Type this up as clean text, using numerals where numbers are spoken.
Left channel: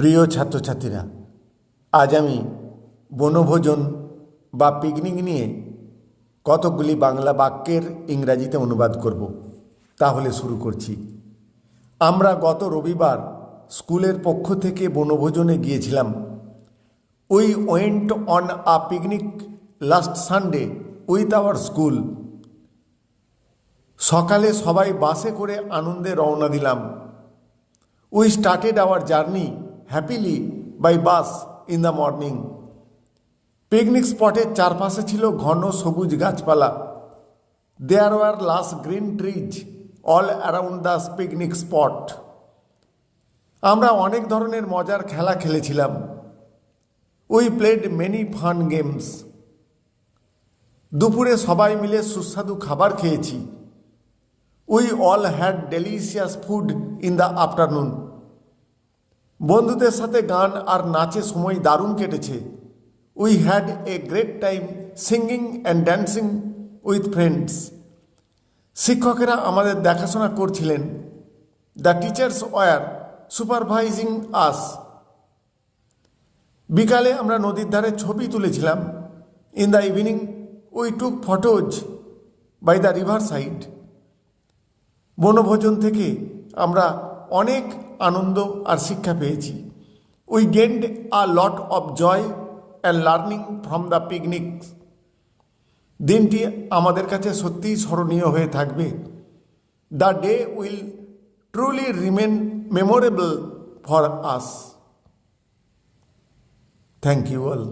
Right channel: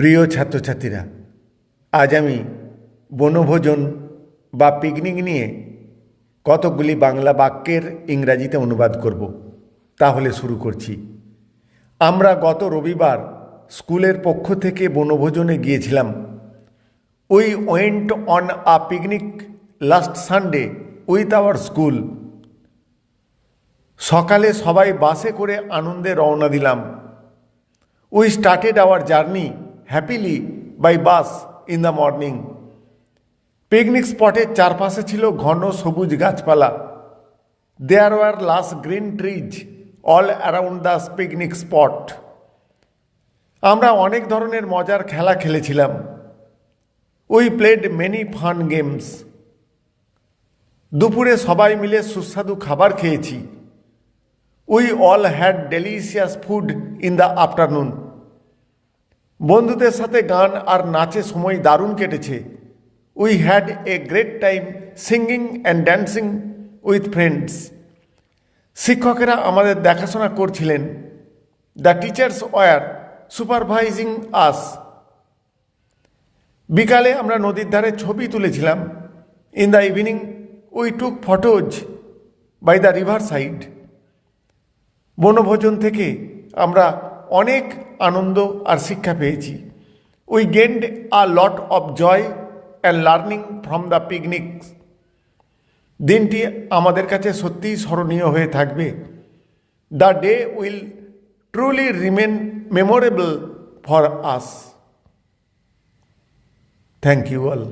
প্রিয় ছাত্রছাত্রীরা, আজ আমি বনভোজন বা পিকনিক নিয়ে কতকগুলি বাংলা বাক্যের ইংরাজিতে অনুবাদ করব। তাহলে শুরু করছি। আমরা গত রবিবার স্কুলের পক্ষ থেকে বনভোজনে গিয়েছিলাম। We went on a picnic last Sunday with our school. সকালে সবাই বাসে করে আনন্দে রওনা দিলাম। We started our journey happily by bus in the morning. Picnic স্পটের চারপাশে ছিল ঘন সবুজ গাছপালা। There were lush green trees all around the picnic spot. আমরা অনেক ধরনের মজার খেলা খেলেছিলাম। We played many fun games. দুপুরে সবাই মিলে সুস্বাদু খাবার খেয়েছি। We all had delicious food in the afternoon. বন্ধুদের সাথে গান আর নাচে সময় দারুণ কেটেছে। We had a great time singing and dancing with friends. শিক্ষকেরা আমাদের দেখাশোনা করছিলেন। The teachers were supervising us. বিকালে আমরা নদীর ধারে ছবি তুলেছিলাম। In the evening we took photos by the riverside. বনভোজন থেকে আমরা অনেক আনন্দ আর শিক্ষা পেয়েছি। We gained a lot of joy and learning from the picnic. দিনটি আমাদের কাছে সত্যিই স্মরণীয় হয়ে থাকবে। The day will truly remain memorable for us. Thank you all.